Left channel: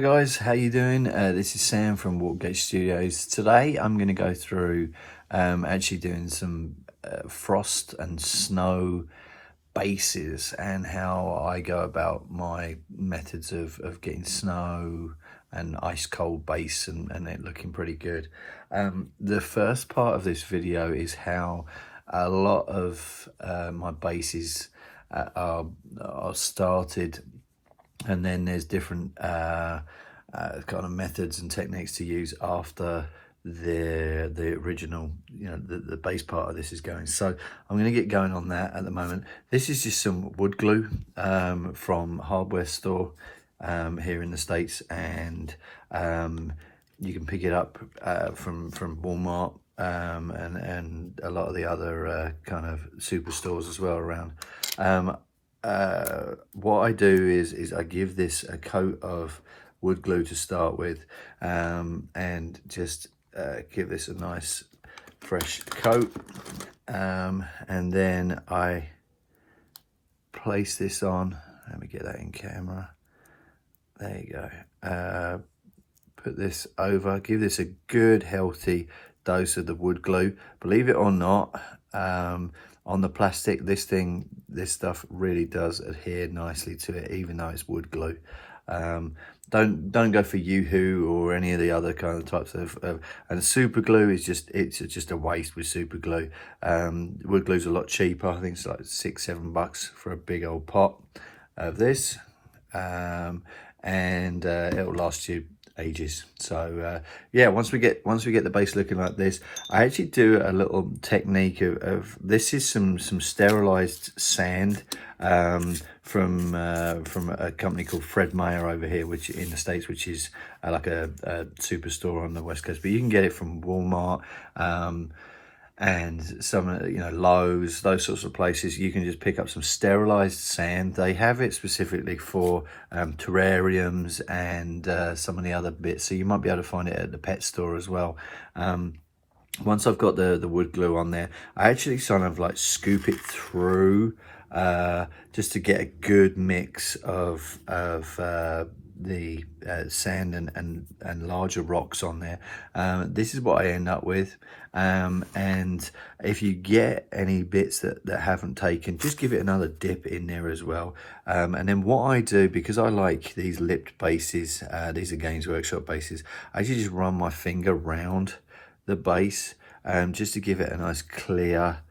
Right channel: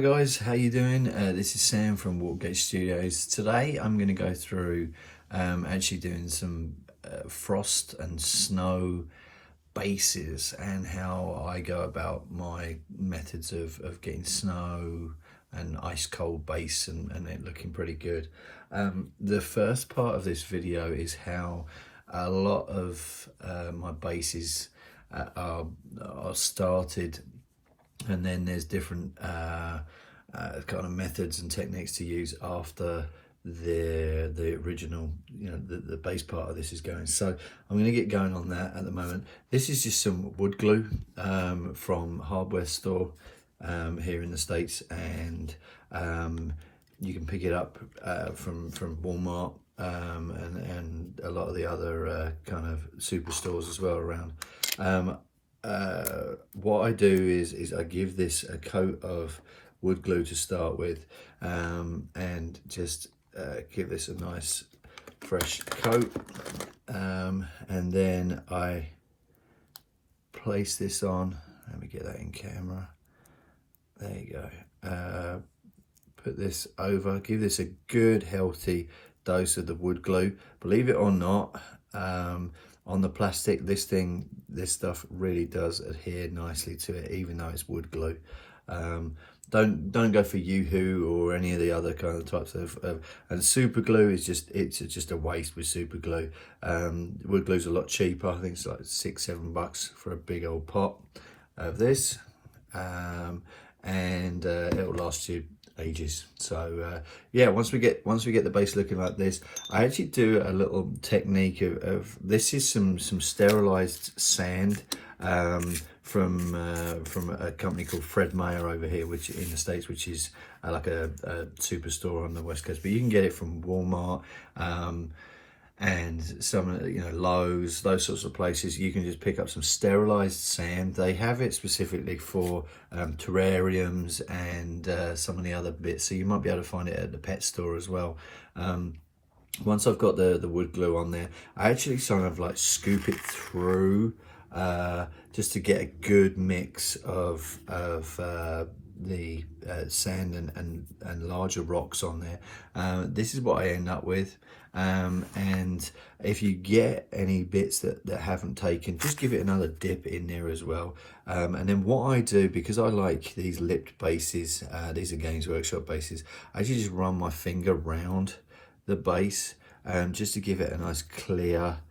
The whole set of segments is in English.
Hello guys, how you doing? This is Sam from Watergate Studios. Today I'm going to go through actually doing some frost and snow bases and how I go about my methods of getting snow and ice cold base and it looking pretty good. The first part of this video is how a lot of my bases are started, and then there's different kind of methods and techniques to use after the original, the base part of this is going. So I'm going to get going on that at the moment. This is just some wood glue from hardware store here in the States, and you can pick it up from Walmart and a lot of the other kind of superstores as well around. What I do is I give this a coat of wood glue to start with, and just give this a nice fresh coat, and then I place this on. Let me get that in camera. There you go. Put this over, give this a good healthy dose of the wood glue. Believe it or not, on the plastic, this stuff really does adhere nicely to it, even though it's wood glue. Don't go for Yoo-hoo or any of the other kind of types of and super glue is just a waste with super glue. Wood glue's a lot cheaper. I think it's like $6-7 for a big old pot of this, and it'll last you ages. So yeah, once we get the base looking like this, I actually do a little technique of this is some sterilized sand from a company called Fred Meyer over here, which in the States, which is like a superstore on the West Coast, but you can get it from Walmart and some Lowe's, those sorts of places. You can just pick up some sterilized sand. They have it specifically for terrariums and some of the other bits, so you might be able to find it at the pet store as well. Once I've got the wood glue on there, I actually sort of like scoop it through just to get a good mix of the sand and larger rocks on there. This is what I end up with, and if you get any bits that haven't taken, just give it another dip in there as well. And then what I do, because I like these lipped bases, these are Games Workshop bases, I actually just run my finger round the base just to give it a nice clear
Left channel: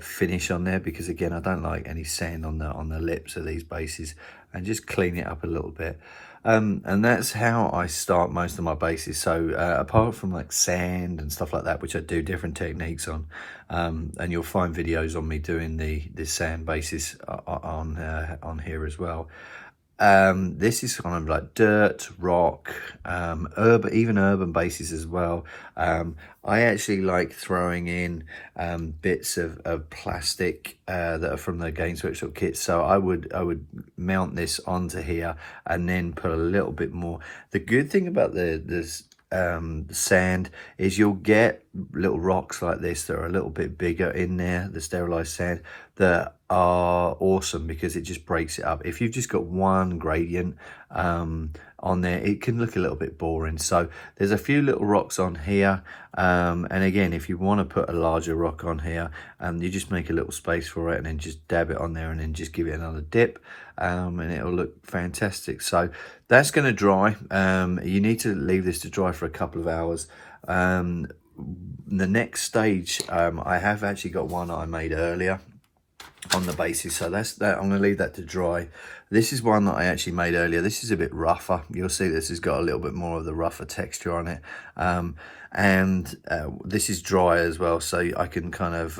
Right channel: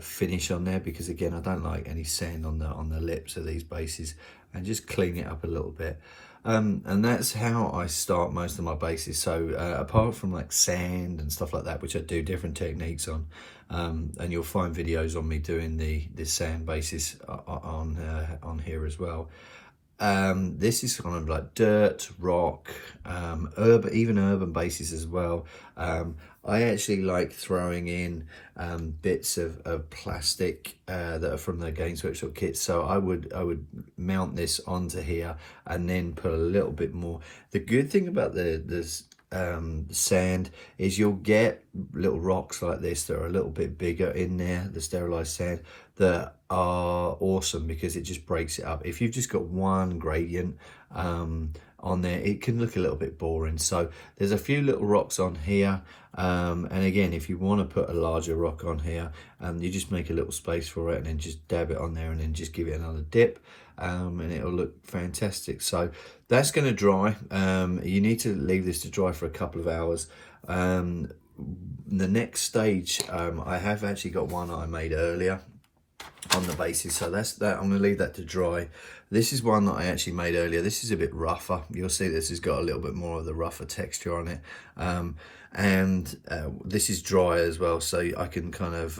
finish on there, because again, I don't like any sand on the lips of these bases, and just clean it up a little bit. And that's how I start most of my bases. So apart from like sand and stuff like that, which I do different techniques on, and you'll find videos on me doing the sand bases on here as well. This is kind of like dirt, rock, even urban bases as well. I actually like throwing in bits of plastic that are from the Games Workshop kit. So I would mount this onto here and then put a little bit more. The good thing about the sand is you'll get little rocks like this that are a little bit bigger in there, the sterilized sand, that are awesome because it just breaks it up. If you've just got one gradient on there, it can look a little bit boring. So there's a few little rocks on here, and again, if you want to put a larger rock on here, you just make a little space for it and then just dab it on there and then just give it another dip, and it'll look fantastic. So that's going to dry. You need to leave this to dry for a couple of hours. The next stage, I have actually got one I made earlier on the bases, so that's that. I'm going to leave that to dry. This is one that I actually made earlier. This is a bit rougher. You'll see this has got a little bit more of the rougher texture on it, and this is dry as well, so I can kind of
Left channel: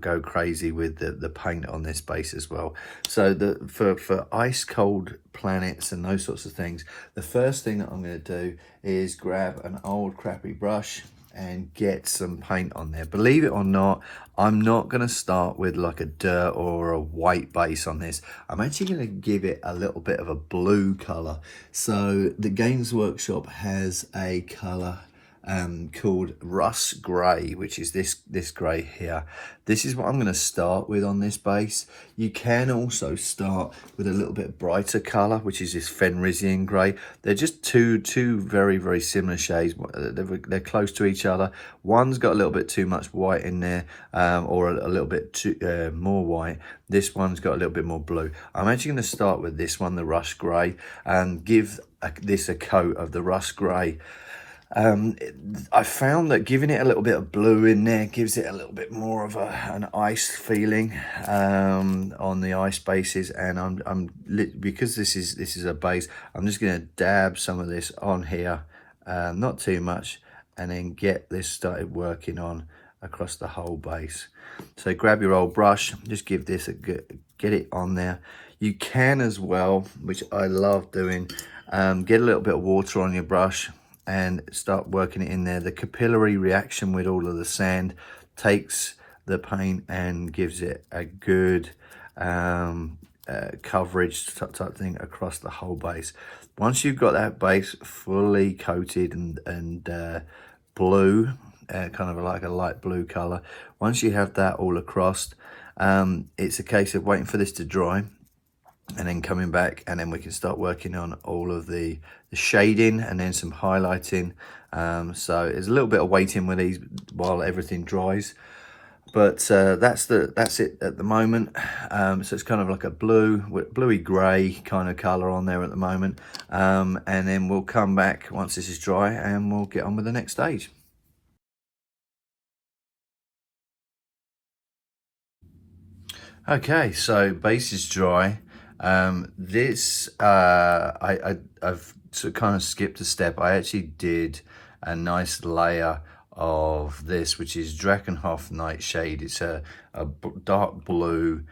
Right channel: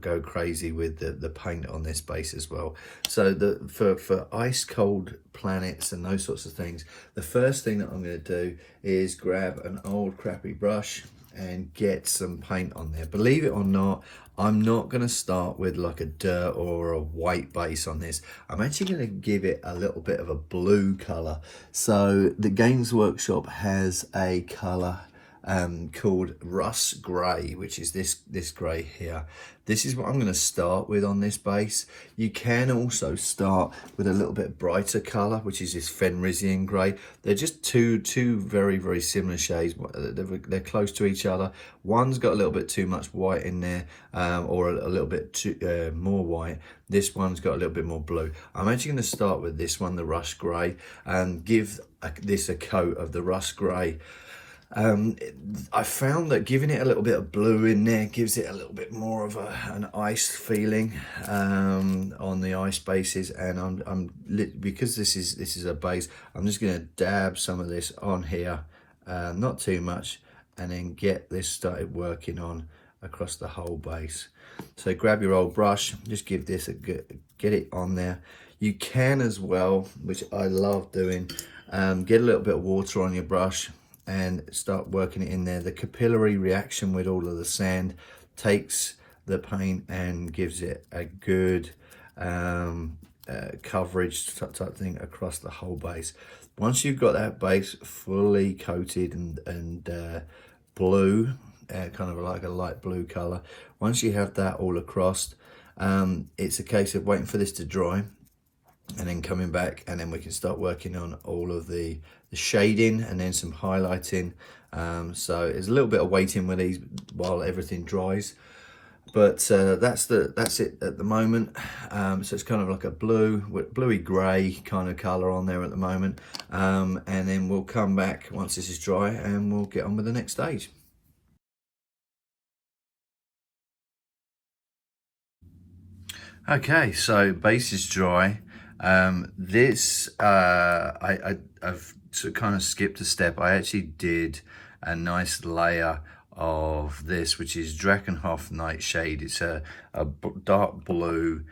go crazy with the paint on this base as well. So for ice cold planets and those sorts of things, the first thing that I'm going to do is grab an old crappy brush and get some paint on there. Believe it or not, I'm not going to start with like a dirt or a white base on this. I'm actually going to give it a little bit of a blue color. So the Games Workshop has a color called Rust Grey, which is this grey here. This is what I'm going to start with on this base. You can also start with a little bit brighter colour, which is this Fenrisian grey. They're just two very, very similar shades. They're close to each other. One's got a little bit too much white in there, or a little bit more white. This one's got a little bit more blue. I'm actually going to start with this one, the Rust Grey, and give this a coat of the Rust Grey. I found that giving it a little bit of blue in there gives it a little bit more of an ice feeling on the ice bases, and because this is a base, I'm just going to dab some of this on here, not too much, and then get this started working on across the whole base. So grab your old brush, just give this get it on there. You can as well, which I love doing, get a little bit of water on your brush and start working it in there. The capillary reaction with all of the sand takes the paint and gives it a good coverage type thing across the whole base. Once you've got that base fully coated and blue, kind of like a light blue color, once you have that all across, it's a case of waiting for this to dry and then coming back, and then we can start working on all of the shading and then some highlighting. So there's a little bit of waiting with these while everything dries, but that's it at the moment. So it's kind of like a bluey grey kind of color on there at the moment, and then we'll come back once this is dry and we'll get on with the next stage. Okay, so base is dry. This I've sort of kind of skipped a step. I actually did a nice layer of this, which is Drakenhoff Nightshade. It's a dark blue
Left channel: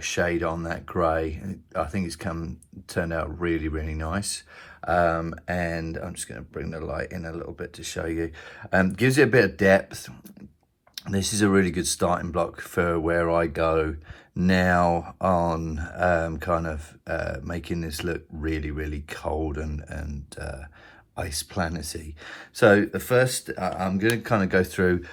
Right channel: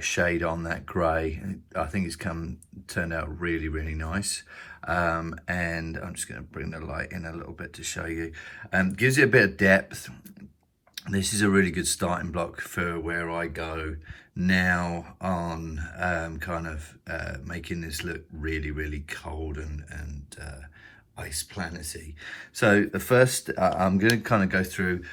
shade on that grey. I think it's turned out really, really nice. And I'm just going to bring the light in a little bit to show you. Gives it a bit of depth. This is a really good starting block for where I go now on kind of making this look really, really cold and ice planety. So the first, I'm going to kind of go through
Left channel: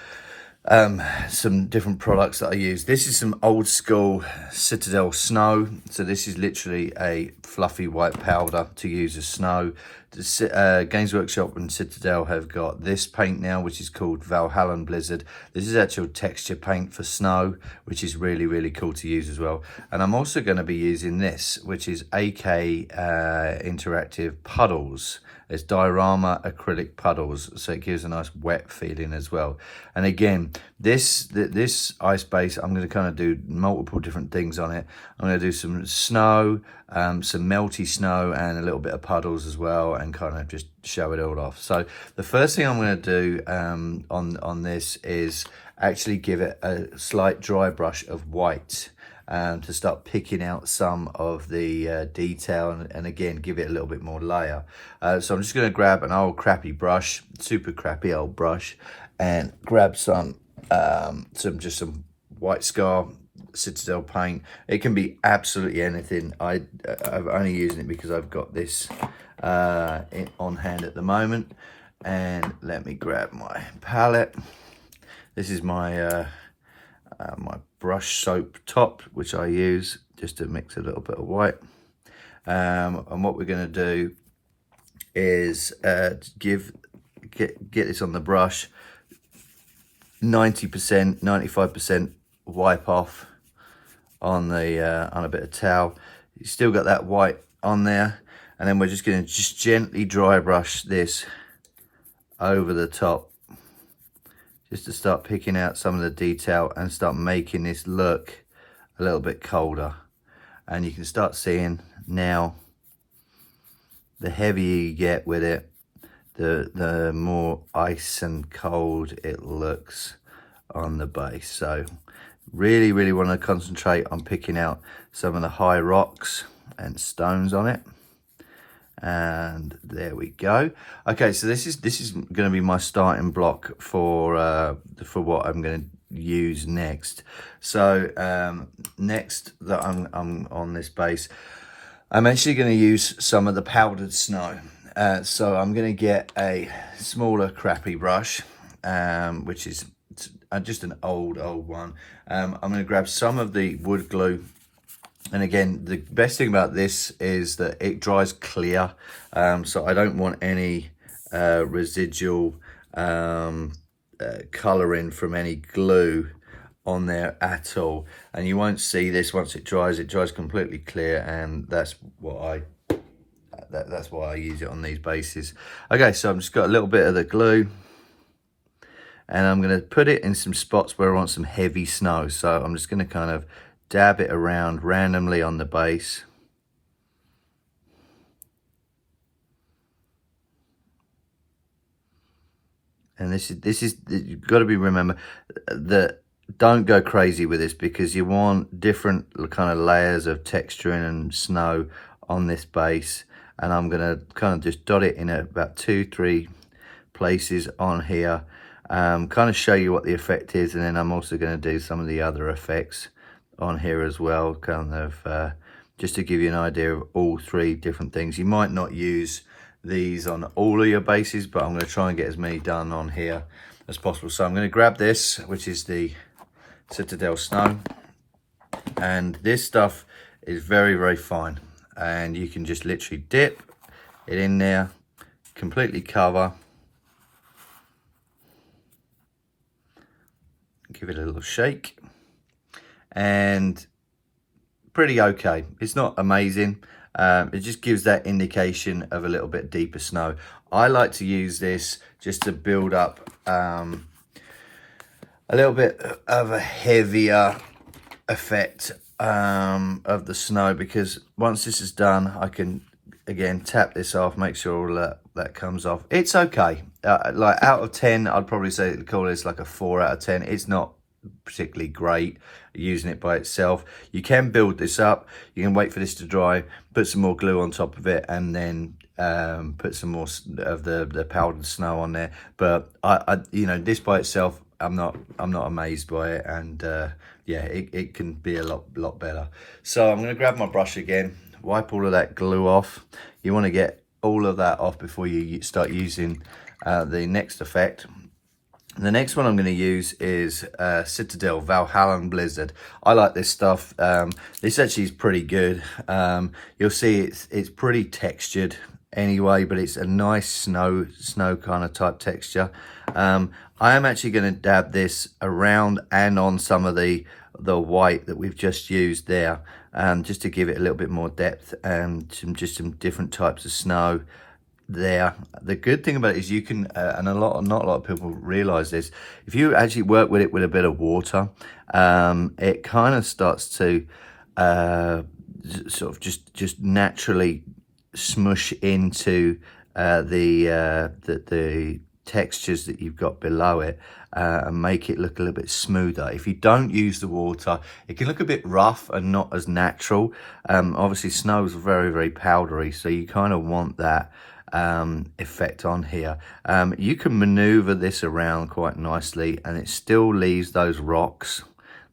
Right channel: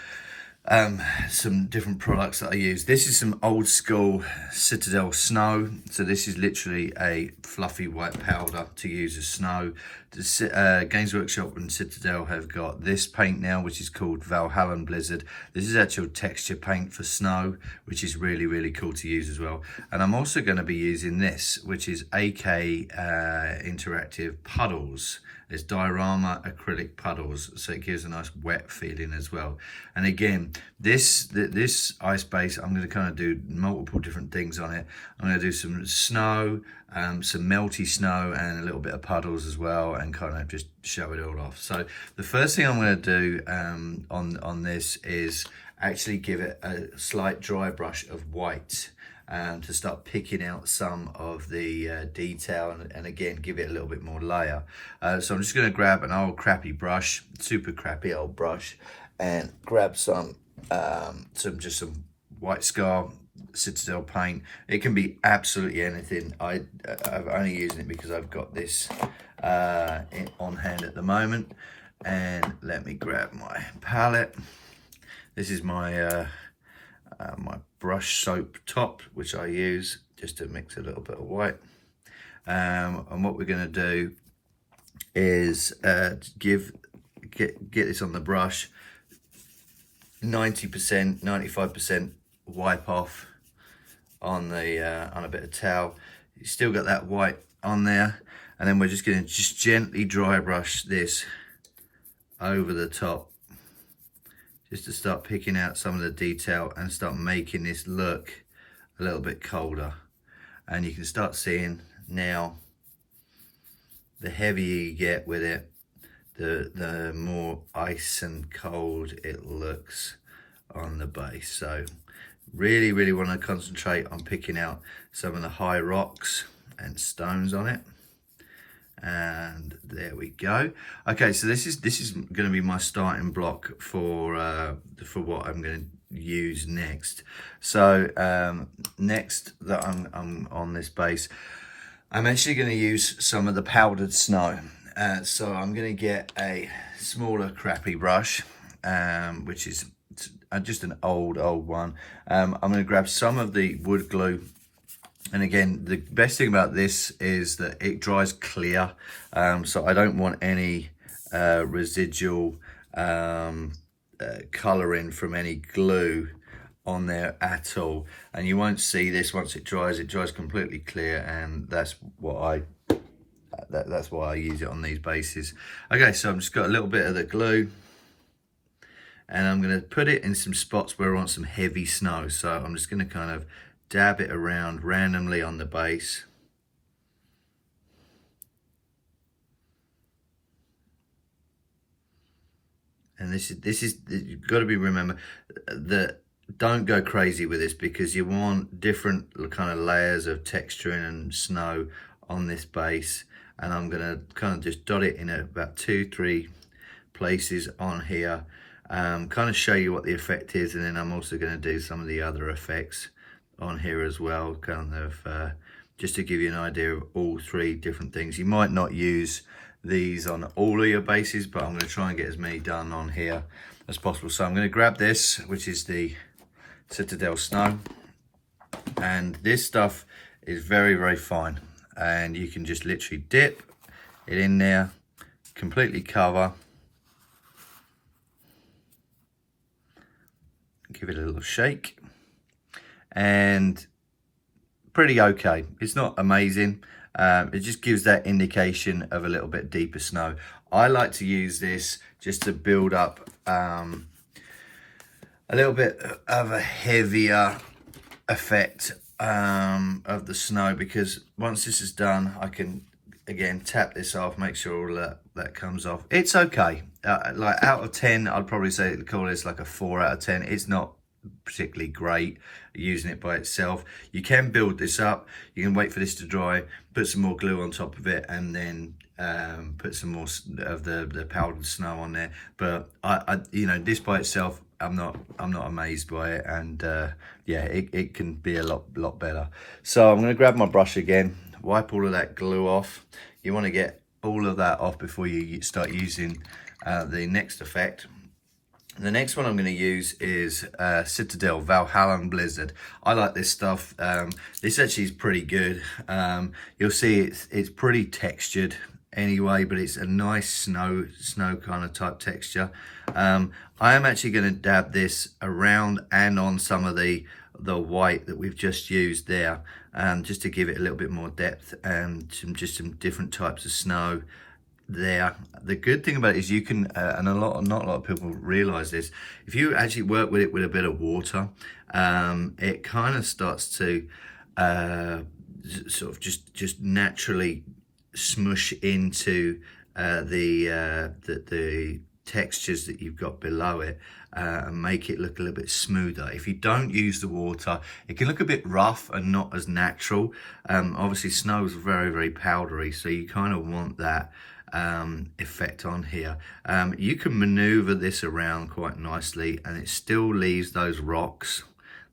some different products that I use. This is some old school Citadel Snow. So this is literally a fluffy white powder to use as snow. The Games Workshop and Citadel have got this paint now, which is called Valhalla Blizzard. This is actual texture paint for snow, which is really, really cool to use as well. And I'm also going to be using this, which is AK Interactive Puddles. It's Diorama Acrylic Puddles, so it gives a nice wet feeling as well. And again, this ice base, I'm going to kind of do multiple different things on it. I'm going to do some snow, some melty snow, and a little bit of puddles as well, and kind of just show it all off. So the first thing I'm going to do on this is actually give it a slight dry brush of white. To start picking out some of the detail and again give it a little bit more layer. So I'm just going to grab an old crappy brush, super crappy old brush, and grab some white scar Citadel paint. It can be absolutely anything. I'm only using it because I've got this on hand at the moment. And let me grab my palette. This is my my brush soap top, which I use just to mix a little bit of white. And what we're going to do is get this on the brush, 90%, 95% wipe off on the on a bit of towel. You still got that white on there, and then we're just going to gently dry brush this over the top, just to start picking out some of the detail and start making this look a little bit colder. And you can start seeing now, the heavier you get with it, the more ice and cold it looks on the base. So really, really want to concentrate on picking out some of the high rocks and stones on it. And there we go. Okay, so this is going to be my starting block for what I'm going to use next. So next that I'm on this base, I'm actually going to use some of the powdered snow. So I'm going to get a smaller crappy brush, which is just an old one. I'm going to grab some of the wood glue. And again, the best thing about this is that it dries clear. So I don't want any residual colouring from any glue on there at all. And you won't see this once it dries completely clear, and that's what that's why I use it on these bases. Okay, so I've just got a little bit of the glue, and I'm going to put it in some spots where I want some heavy snow. So I'm just going to kind of dab it around randomly on the base. And this is you've got to remember that don't go crazy with this, because you want different kind of layers of texturing and snow on this base. And I'm going to kind of just dot it in at about 2-3 places on here, kind of show you what the effect is. And then I'm also going to do some of the other effects on here as well, kind of just to give you an idea of all 3 different things. You might not use these on all of your bases, but I'm going to try and get as many done on here as possible. So I'm going to grab this, which is the Citadel Snow, and this stuff is very, very fine, and you can just literally dip it in there, completely cover, give it a little shake, and pretty okay. It's not amazing. It just gives that indication of a little bit deeper snow. I like to use this just to build up a little bit of a heavier effect of the snow, because once this is done, I can again tap this off, make sure all that comes off. It's okay. Like out of 10, I'd probably say call this like a 4 out of 10. It's not particularly great using it by itself. You can build this up, you can wait for this to dry, put some more glue on top of it, and then put some more of the powdered snow on there. But I you know, this by itself, I'm not amazed by it, and yeah, it can be a lot better. So I'm going to grab my brush again, wipe all of that glue off. You want to get all of that off before you start using the next effect. The next one I'm going to use is Citadel Valhalla Blizzard. I like this stuff. This actually is pretty good. You'll see it's pretty textured anyway, but it's a nice snow kind of type texture. I am actually going to dab this around and on some of the white that we've just used there, just to give it a little bit more depth, and some different types of snow there. The good thing about it is you can, and not a lot of people realize this, if you actually work with it with a bit of water, it kind of starts to sort of just naturally smush into the textures that you've got below it, and make it look a little bit smoother. If you don't use the water, it can look a bit rough and not as natural. Obviously snow is very, very powdery, so you kind of want that effect on here. You can maneuver this around quite nicely, and it still leaves those rocks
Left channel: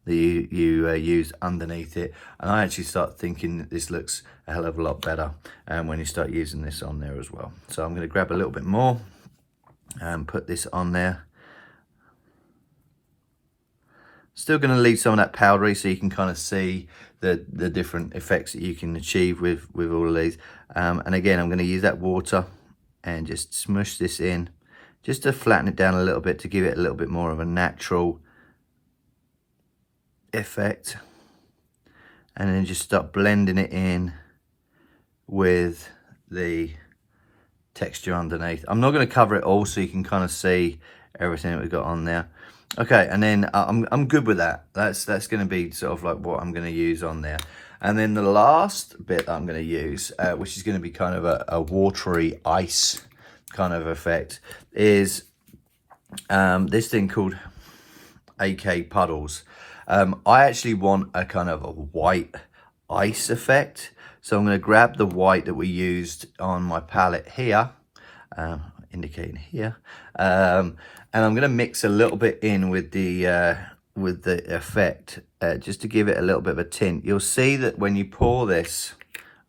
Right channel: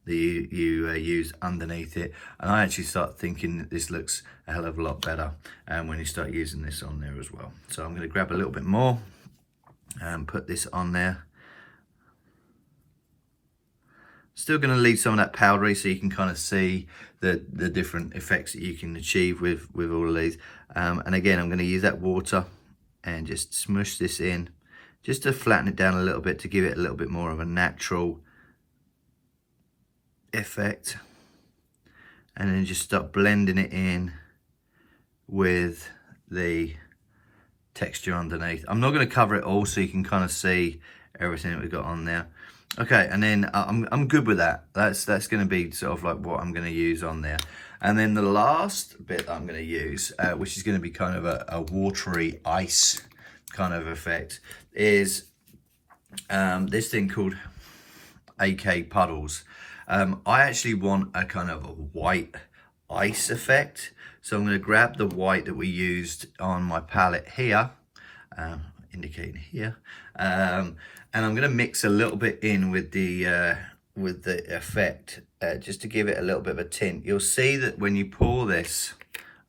that you use underneath it. And I actually start thinking that this looks a hell of a lot better when you start using this on there as well. So I'm going to grab a little bit more and put this on there. Still going to leave some of that powdery, so you can kind of see the different effects that you can achieve with all of these. And again, I'm going to use that water and just smush this in, just to flatten it down a little bit, to give it a little bit more of a natural effect. And then just start blending it in with the texture underneath. I'm not going to cover it all, so you can kind of see everything that we've got on there. Okay, and then I'm good with that. That's going to be sort of like what I'm going to use on there. And then the last bit that I'm going to use, which is going to be kind of a watery ice kind of effect, is this thing called AK Puddles. I actually want a kind of a white ice effect. So I'm going to grab the white that we used on my palette here, indicating here, and I'm going to mix a little bit in with the effect, just to give it a little bit of a tint. You'll see that when you pour this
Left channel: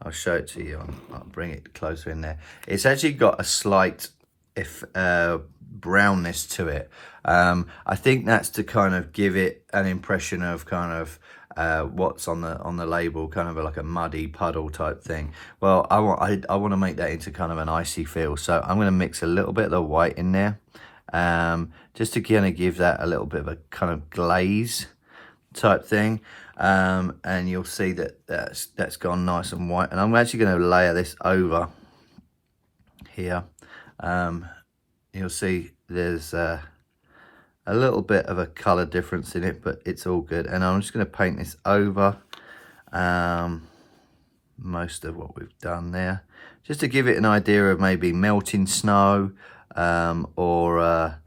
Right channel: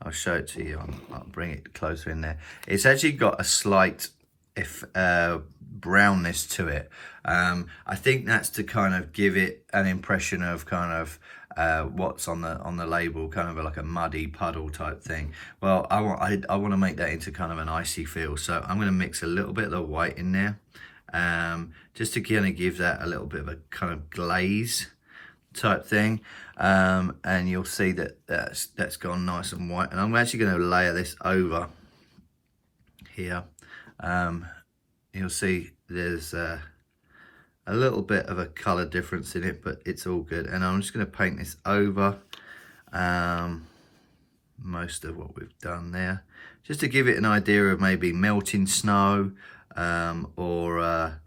I'll show it to you. I'll bring it closer in there. It's actually got a slight brownness to it. I think that's to kind of give it an impression of kind of what's on the label, kind of like a muddy puddle type thing. Well, I want to make that into kind of an icy feel, so I'm going to mix a little bit of the white in there, just to kind of give that a little bit of a kind of glaze type thing. And you'll see that that's gone nice and white, and I'm actually going to layer this over here. You'll see there's a little bit of a color difference in it, but it's all good. And I'm just going to paint this over most of what we've done there, just to give it an idea of maybe melting snow, or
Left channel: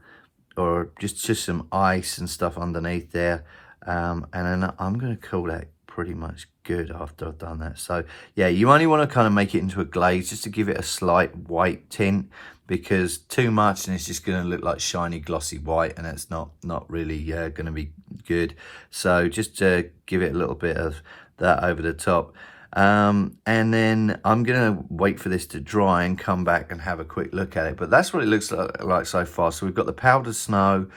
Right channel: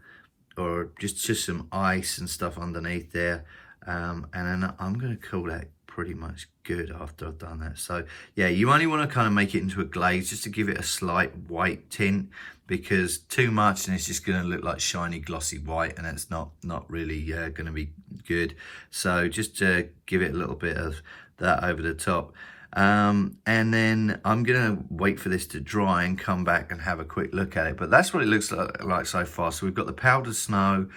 just some ice and stuff underneath there. And then I'm going to call that pretty much good after I've done that. So yeah, you only want to kind of make it into a glaze just to give it a slight white tint, because too much and it's just going to look like shiny glossy white, and it's not really going to be good. So just to give it a little bit of that over the top. And then I'm going to wait for this to dry and come back and have a quick look at it. But that's what it looks like so far. So we've got the powdered snow,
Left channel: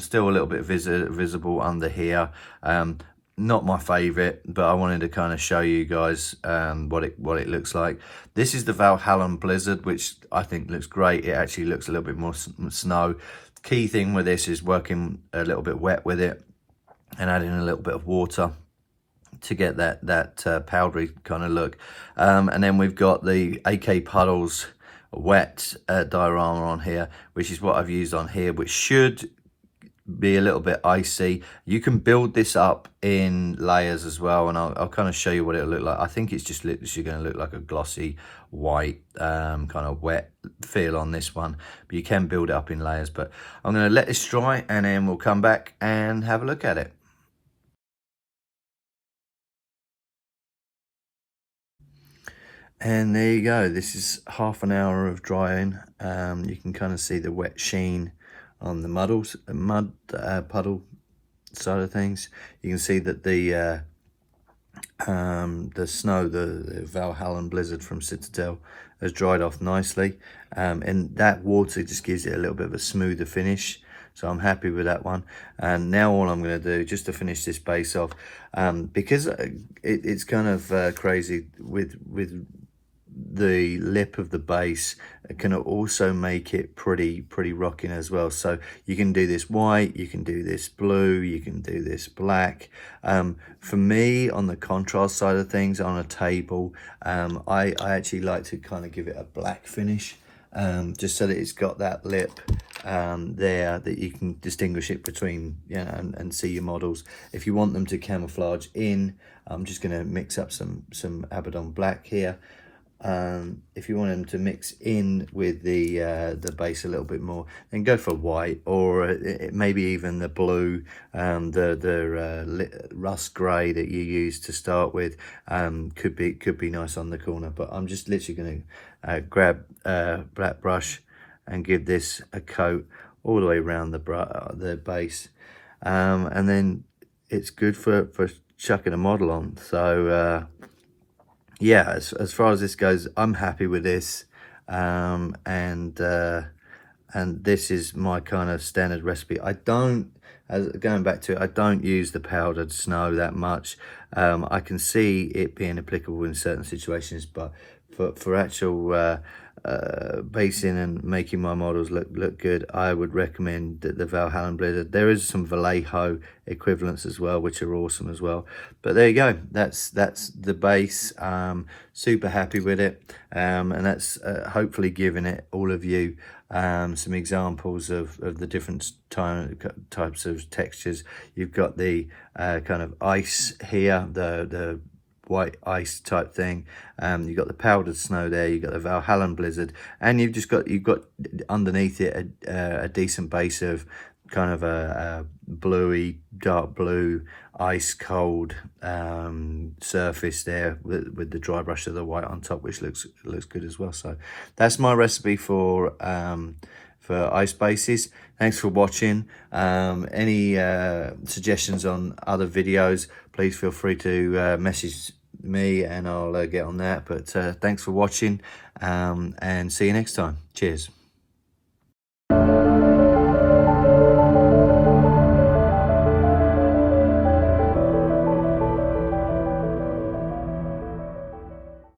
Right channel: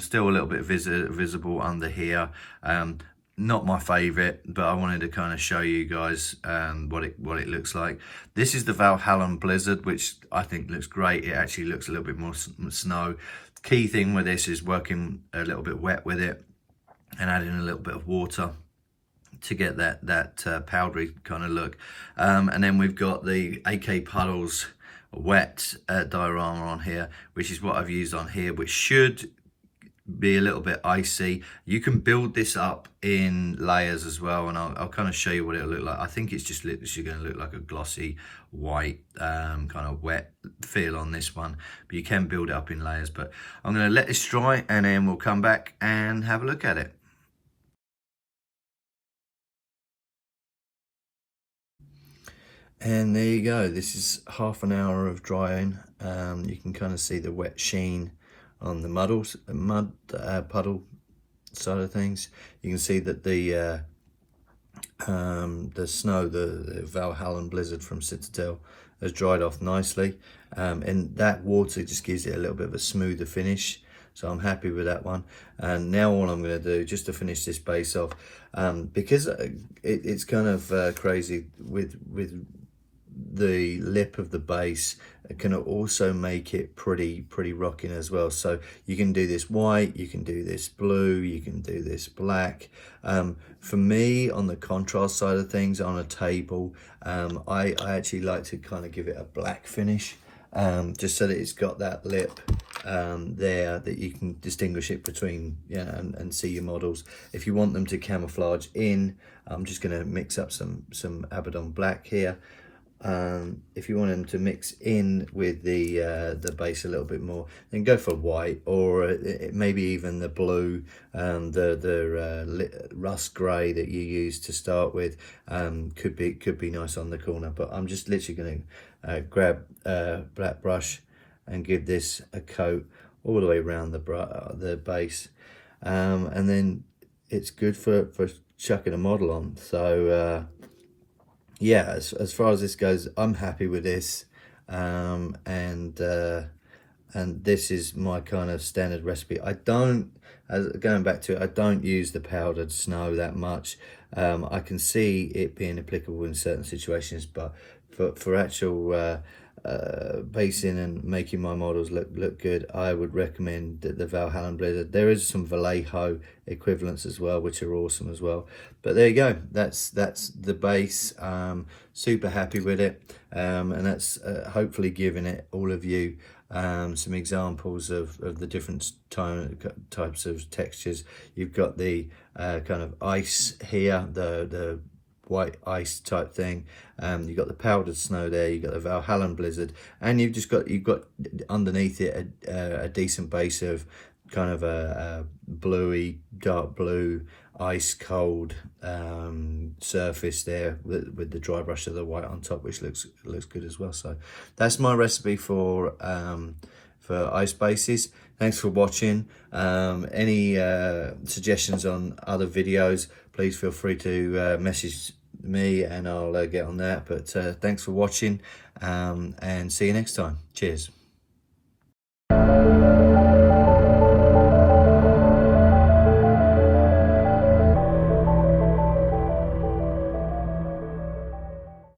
still a little bit visible under here. Not my favorite, but I wanted to kind of show you guys what it looks like. This is the Valhalla Blizzard, which I think looks great. It actually looks a little bit more snow. Key thing with this is working a little bit wet with it and adding a little bit of water to get that powdery kind of look. And then we've got the AK Puddles wet diorama on here, which is what I've used on here, which should be a little bit icy. You can build this up in layers as well, and I'll kind of show you what it'll look like. I think it's just literally going to look like a glossy white kind of wet feel on this one, but you can build it up in layers. But I'm going to let this dry, and then we'll come back and have a look at it. And there you go. This is half an hour of drying. You can kind of see the wet sheen on the mud puddle side of things. You can see that the snow, the Valhalla Blizzard from Citadel, has dried off nicely, and that water just gives it a little bit of a smoother finish. So I'm happy with that one. And now all I'm going to do, just to finish this base off, because it's kind of crazy with the lip of the base, it can also make it pretty rocking as well. So you can do this white, you can do this blue, you can do this black. For me, on the contrast side of things, on a table, I actually like to kind of give it a black finish, just so that it's got that lip there, that you can distinguish it between, you know, and see your models. If you want them to camouflage in, I'm just going to mix up some Abaddon black here. If you want them to mix in with the base a little bit more, then go for white, or maybe even the blue, the rust grey that you use to start with, could be nice on the corner. But I'm just literally going to grab a black brush and give this a coat all the way around the base, and then it's good for chucking a model on. So yeah, as far as this goes, I'm happy with this, and this is my kind of standard recipe. I don't, going back to it, I don't use the powdered snow that much. I can see it being applicable in certain situations, but for actual basing and making my models look good, I would recommend the Valhalla Blizzard. There is some Vallejo equivalents as well, which are awesome as well. But there you go, that's the base. Super happy with it, and that's hopefully giving it all of you some examples of the different types of textures. You've got the kind of ice here, the white ice type thing. You've got the powdered snow there, you've got the Valhalla Blizzard, and you've got underneath it a decent base of kind of a bluey, dark blue, ice cold surface there with the dry brush of the white on top, which looks good as well. So that's my recipe for ice bases. Thanks for watching. Any suggestions on other videos, please feel free to message me, and I'll get on that. But thanks for watching, and see you next time. Cheers.